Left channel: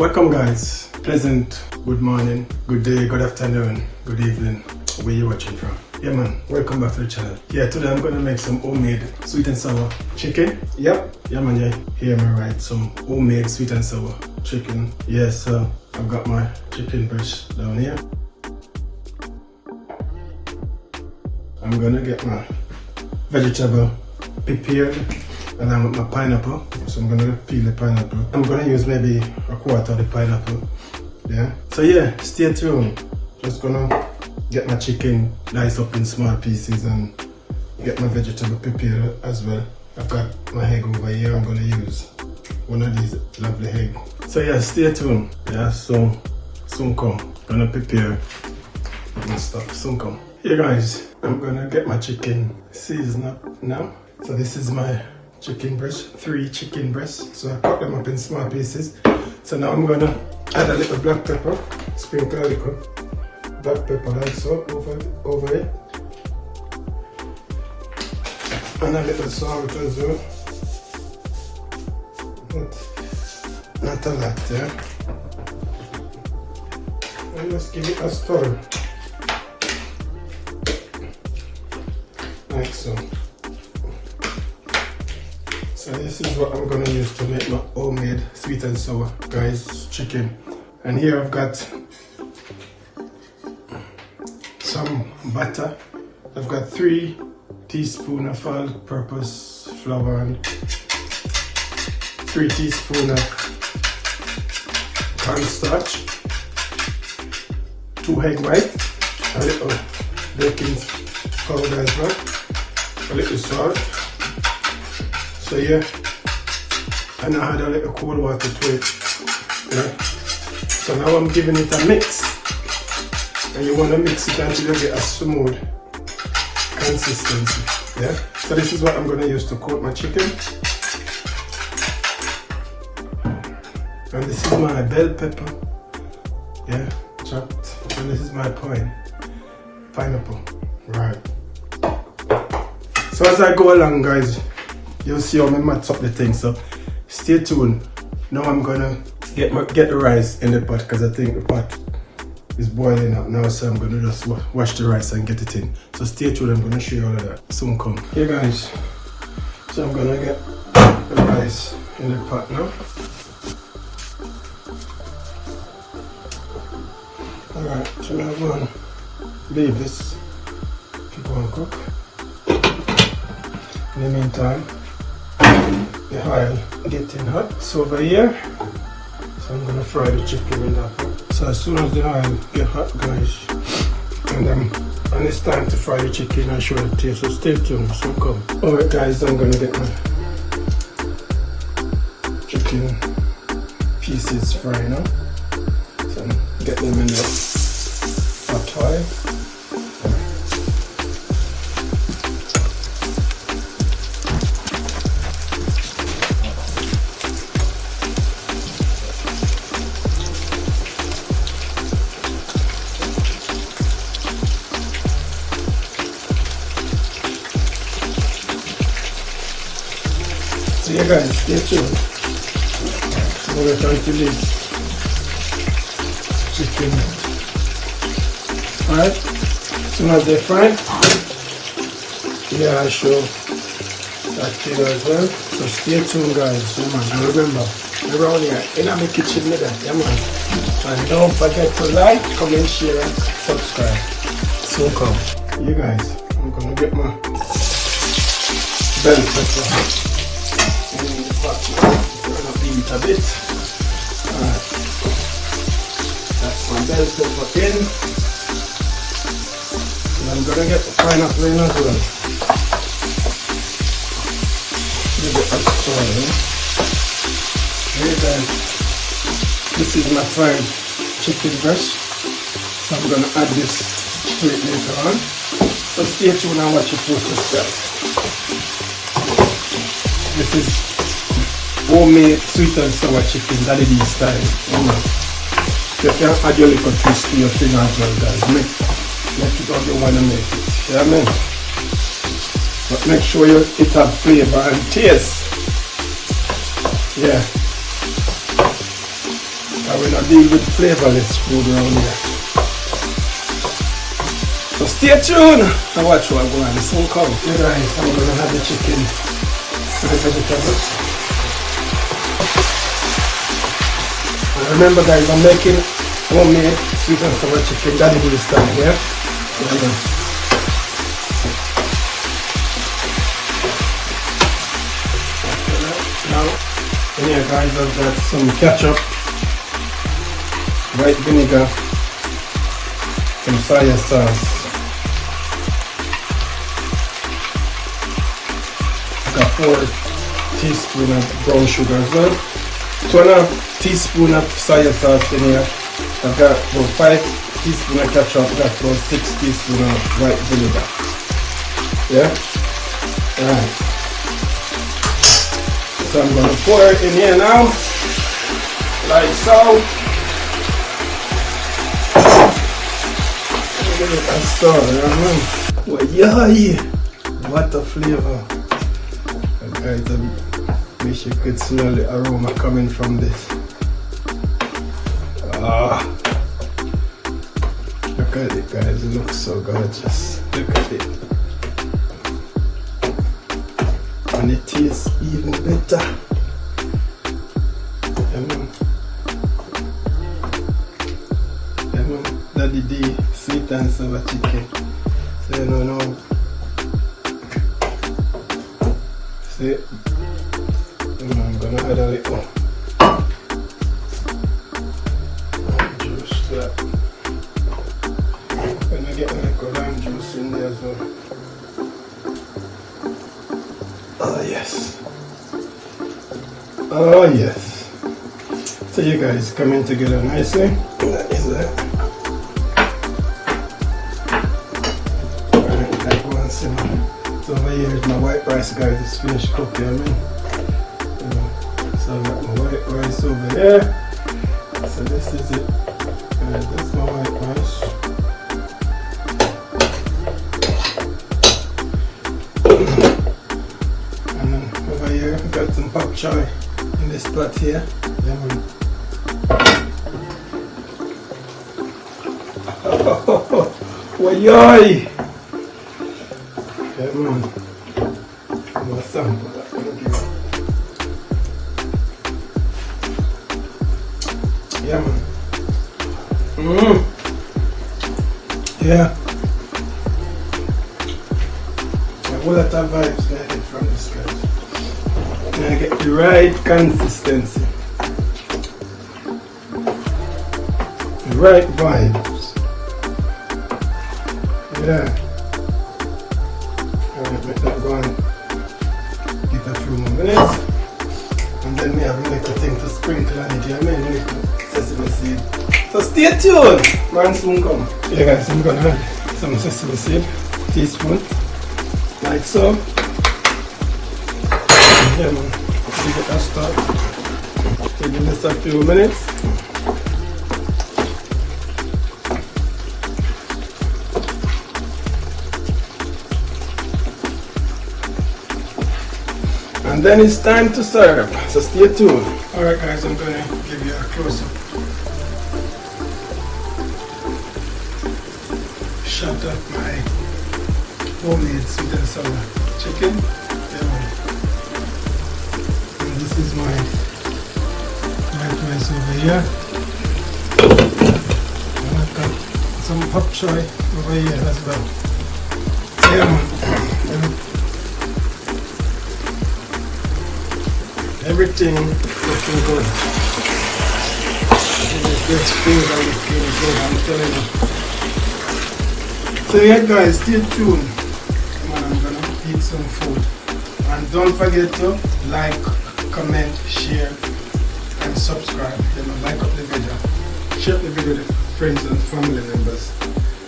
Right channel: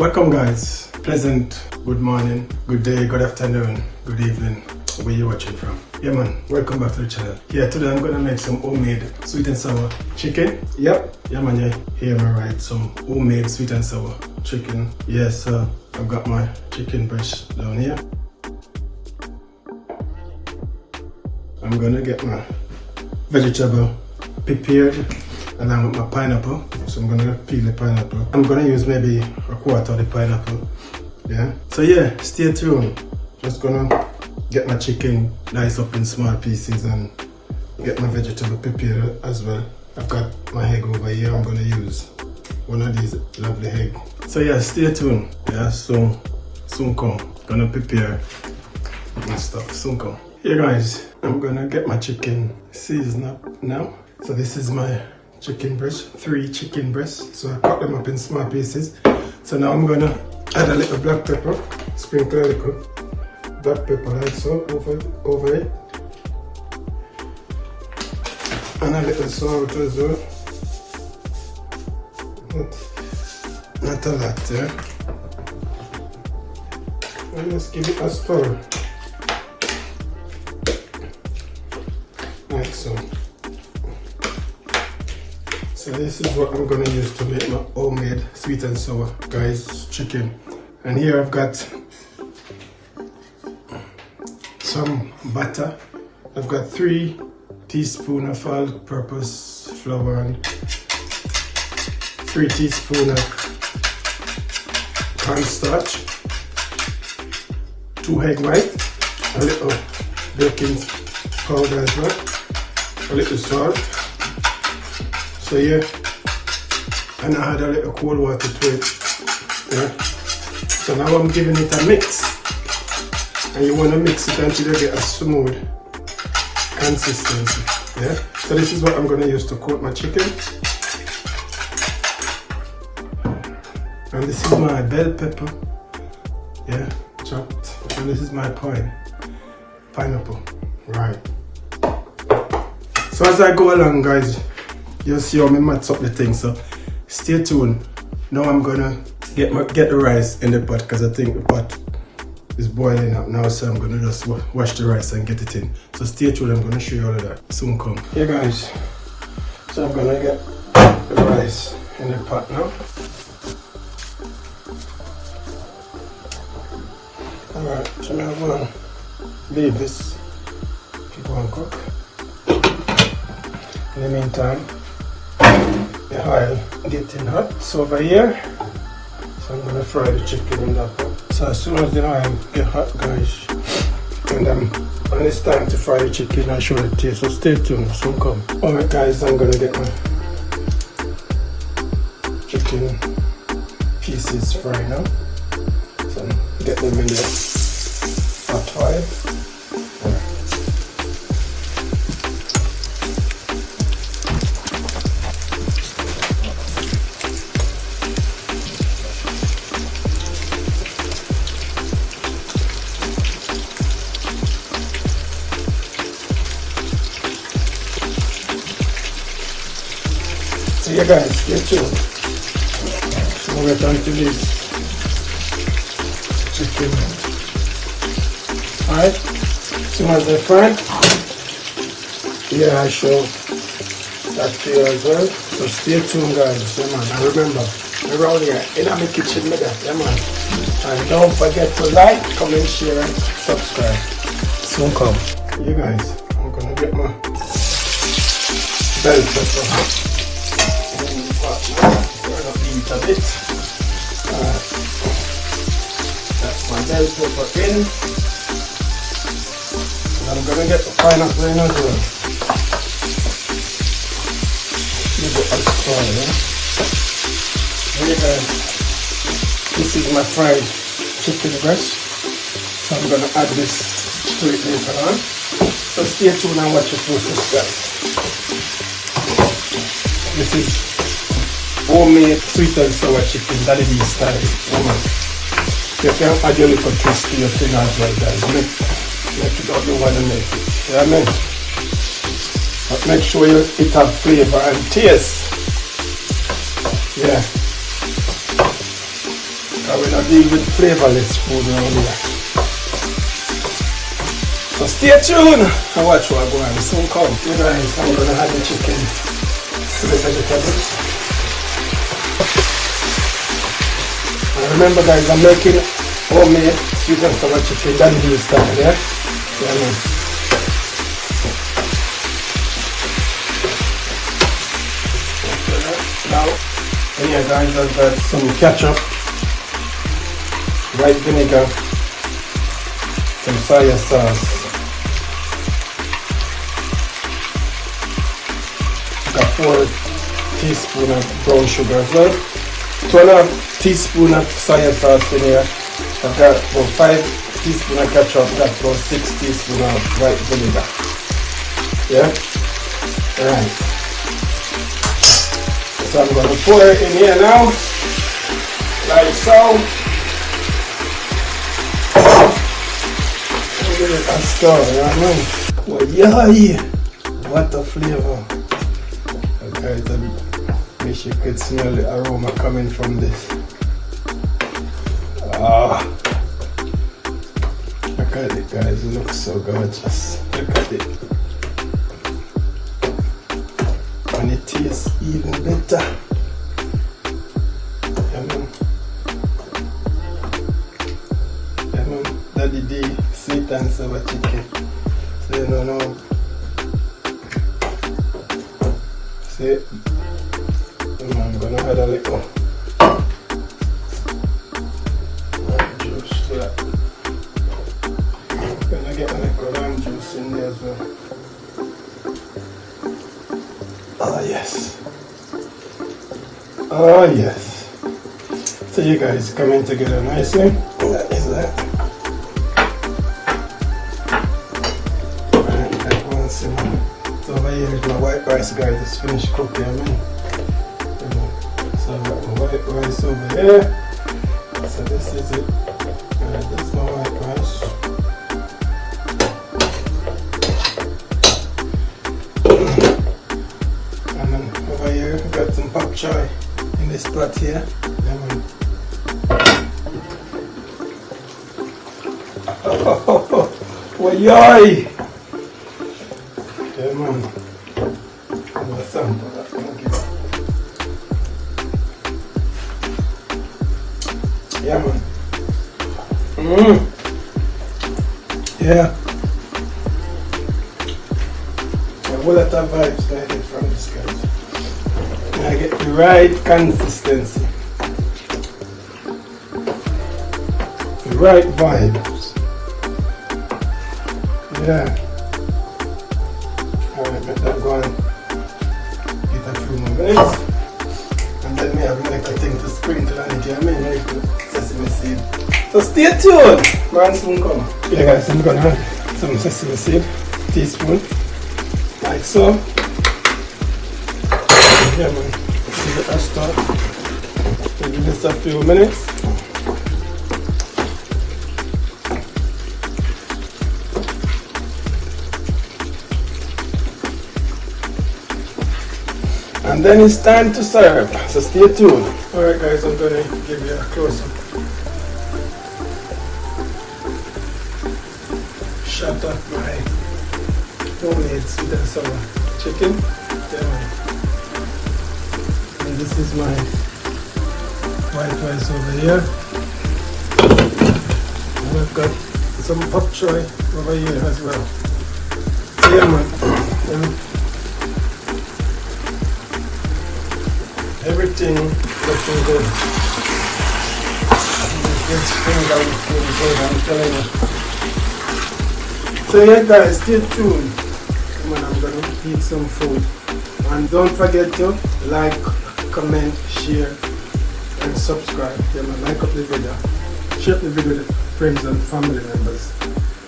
Welcome guys, pleasant good morning, good day, good afternoon, good evening, where you watching from. Yeah man, welcome back to the channel. Yeah, today I'm gonna make some homemade sweet and sour chicken. Yep, yeah man, you hear me right, some homemade sweet and sour chicken. Yes, I've got my chicken breast down here. I'm gonna get my vegetable prepared along with my pineapple. So I'm gonna peel the pineapple. I'm gonna use maybe a quarter of the pineapple. Yeah. So yeah, stay tuned. Just gonna get my chicken diced up in small pieces and get my vegetable prepared as well. I've got my egg over here. I'm gonna use one of these lovely eggs. So yeah, stay tuned. Yeah, so soon come. Gonna prepare my stuff. Soon come. Here guys, I'm gonna get my chicken seasoned up now. So this is my chicken breast, 3 chicken breasts. So I cut them up in small pieces. So now I'm gonna add a little black pepper, sprinkle a little black pepper like so over it. And a little salt as well. Not a lot, yeah. And let's give it a stir. Like so. So this is what I'm gonna use to make my homemade sweet and sour guys chicken. And here I've got some butter. I've got 3 teaspoons of all-purpose flour and 3 teaspoons of cornstarch, 2 egg white, a little baking powder as well, a little salt. So yeah, and I had a little cold water to it. Yeah. So now I'm giving it a mix, and you want to mix it until you get a smooth consistency. Yeah. So this is what I'm going to use to coat my chicken, and this is my bell pepper. Yeah, chopped, and this is my pineapple. Right. So as I go along, guys, you'll see how I mix up the thing, so stay tuned. Now I'm gonna get the rice in the pot because I think the pot is boiling up now, so I'm gonna just wash the rice and get it in. So stay tuned, I'm gonna show you all of that soon come. Hey guys, so I'm gonna get the rice in the pot now. Alright, so now I'm gonna leave this to go and cook. In the meantime, the oil getting hot. So over here, so I'm gonna fry the chicken with that. So as soon as the oil get hot, guys, and it's time to fry the chicken and show the taste. So stay tuned. So come. Alright, guys, I'm gonna get my chicken pieces fried now. So get them in the hot oil. So yeah guys, stay tuned. So we're trying to make chicken. Alright, so as they're fried, yeah, I show that to you as well. So stay tuned guys, come on, and remember, we're all here in the kitchen with us, yeah man. And don't forget to like, comment, share, and subscribe. So come. You guys, I'm gonna get my bell pepper. A bit. That's my bell pepper in. And I'm gonna get the pineapple in as well. Give it a fry, yeah? Here guys, this is my fried chicken breast. So I'm gonna add this to it later on. So stay tuned and watch it process guys. This is homemade sweet and sour chicken, that is style. You can add your little twist to your thing as well, guys. Make it up you want to make it. You know what I mean? But make sure it has flavor and taste. Yeah. we're not dealing with flavorless food around here. So stay tuned to watch what I'm going to do. Soon come. You guys, I'm going to have the chicken. Look at the cabbage. Remember guys, I'm making homemade sweet and sour chicken. That is this time here. Now, here guys, I've got some ketchup, white vinegar, some soy sauce. Got 4 teaspoons of brown sugar as well. 2.5 teaspoons of soy sauce in here. I've got about 5 teaspoons of ketchup. I've got about 6 teaspoons of white vinegar. Yeah? Yeah. So I'm going to pour it in here now. Like so. And stir, you know what I mean? Well, yeah. What a flavor. Guys, I wish you could smell the aroma coming from this. Ah, look at it guys, it looks so gorgeous. Look at it. And it tastes even better. Daddy D, sweet and sour chicken. So you don't know. See? I'm gonna add a little. Oh yes. Oh yes. So you guys coming together nicely. That is that. Like one simmer. So over here is my white rice guys. It's finished cooking. So I've got my white rice over there. So this is it. This is my white rice. Got some pop chow in this pot here. Oh, yoy! Yeah, man. Yeah, man. Yeah. A whole lot of vibes like it from this guy. I get the right consistency, the right vibes. Yeah, I'll let that go on, give a few more minutes, and then we have a little thing to sprinkle on it. I mean, sesame seed. So stay tuned, man. Soon come. Yeah, guys, I'm gonna add some sesame seed, teaspoon, like so. Yeah, man. See the pasta. Give this a few minutes. And then it's time to serve. So stay tuned. Alright guys, I'm gonna give you a close up shot at my homemade sweet and sour chicken. Yeah. This is my white rice over here. And I've got some pop chow over here as well. Yeah, man. Everything looking good. This thing that is good, I'm telling you. So yeah guys, stay tuned. Man, I'm gonna eat some food. And don't forget to like, comment, share, and subscribe. Yeah, man, like up the video, share the video with friends and family members.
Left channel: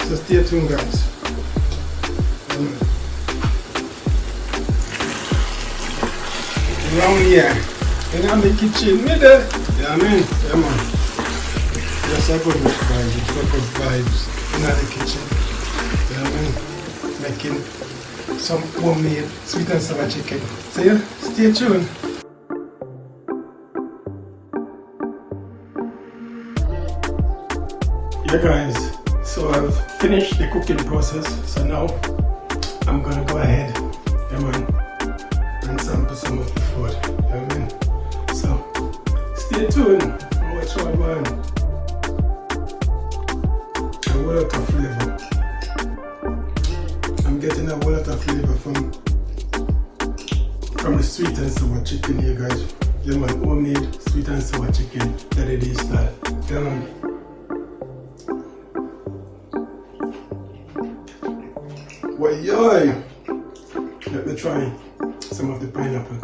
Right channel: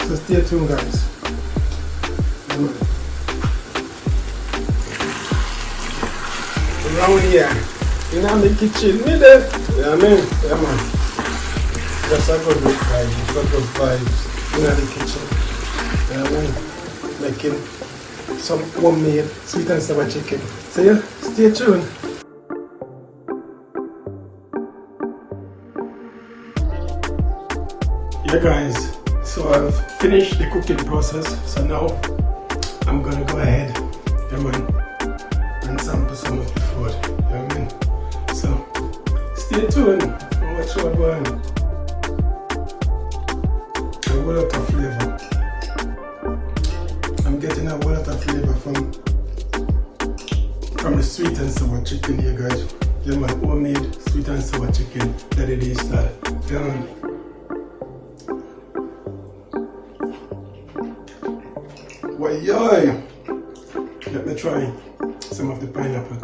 So stay tuned guys. Yeah, man. Now here, in the kitchen with it. Yeah, man. Yeah, man. That's a good vibes. A good vibes in the kitchen. Yeah, man. Making some homemade sweet and sour chicken. So yeah, stay tuned. Yeah guys, so I've finished the cooking process, so now I'm gonna go ahead, yeah man, and sample some of the food, you know what I mean? So stay tuned and watch what we're going. A whole lot of flavor. I'm getting a whole lot of flavor from the sweet and sour chicken here guys. Yeah man, homemade sweet and sour chicken that it is style. Yeah man. Well, yo, let me try some of the pineapple.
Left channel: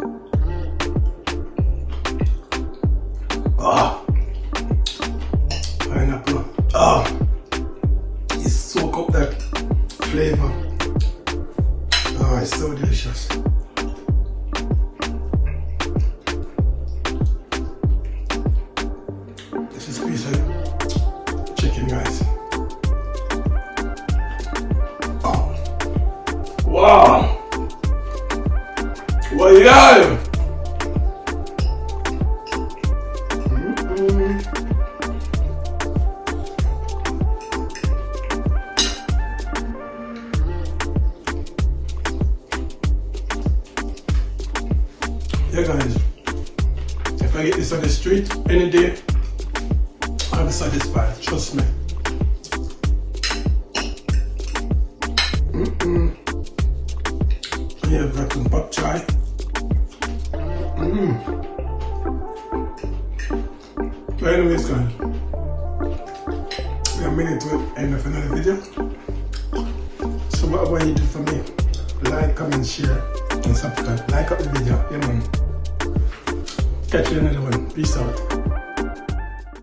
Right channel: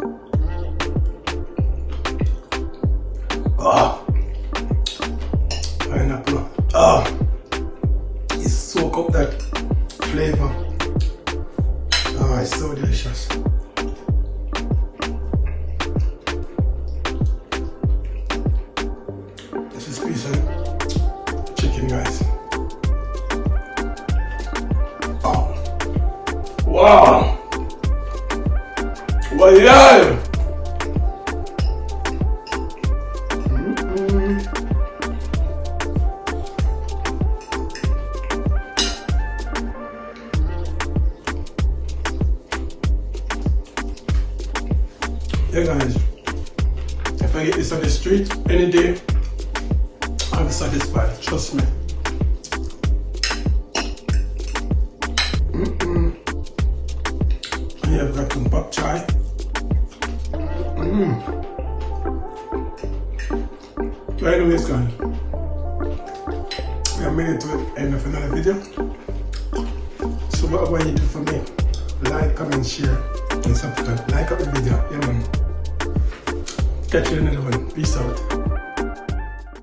Oh, pineapple. Oh, it soak up that flavor. Oh, it's so delicious. This is piece of chicken, guys. Wow! Well, yeah! Yeah, guys. If I get this on the street any day, I'll be satisfied. Trust me. Yeah, I've got some pop chow. So anyways guys, we are made it to the end of another video. So whatever you do for me, like, comment, share, and subscribe. Like up the video, yeah man. Catch you in another one. Peace out.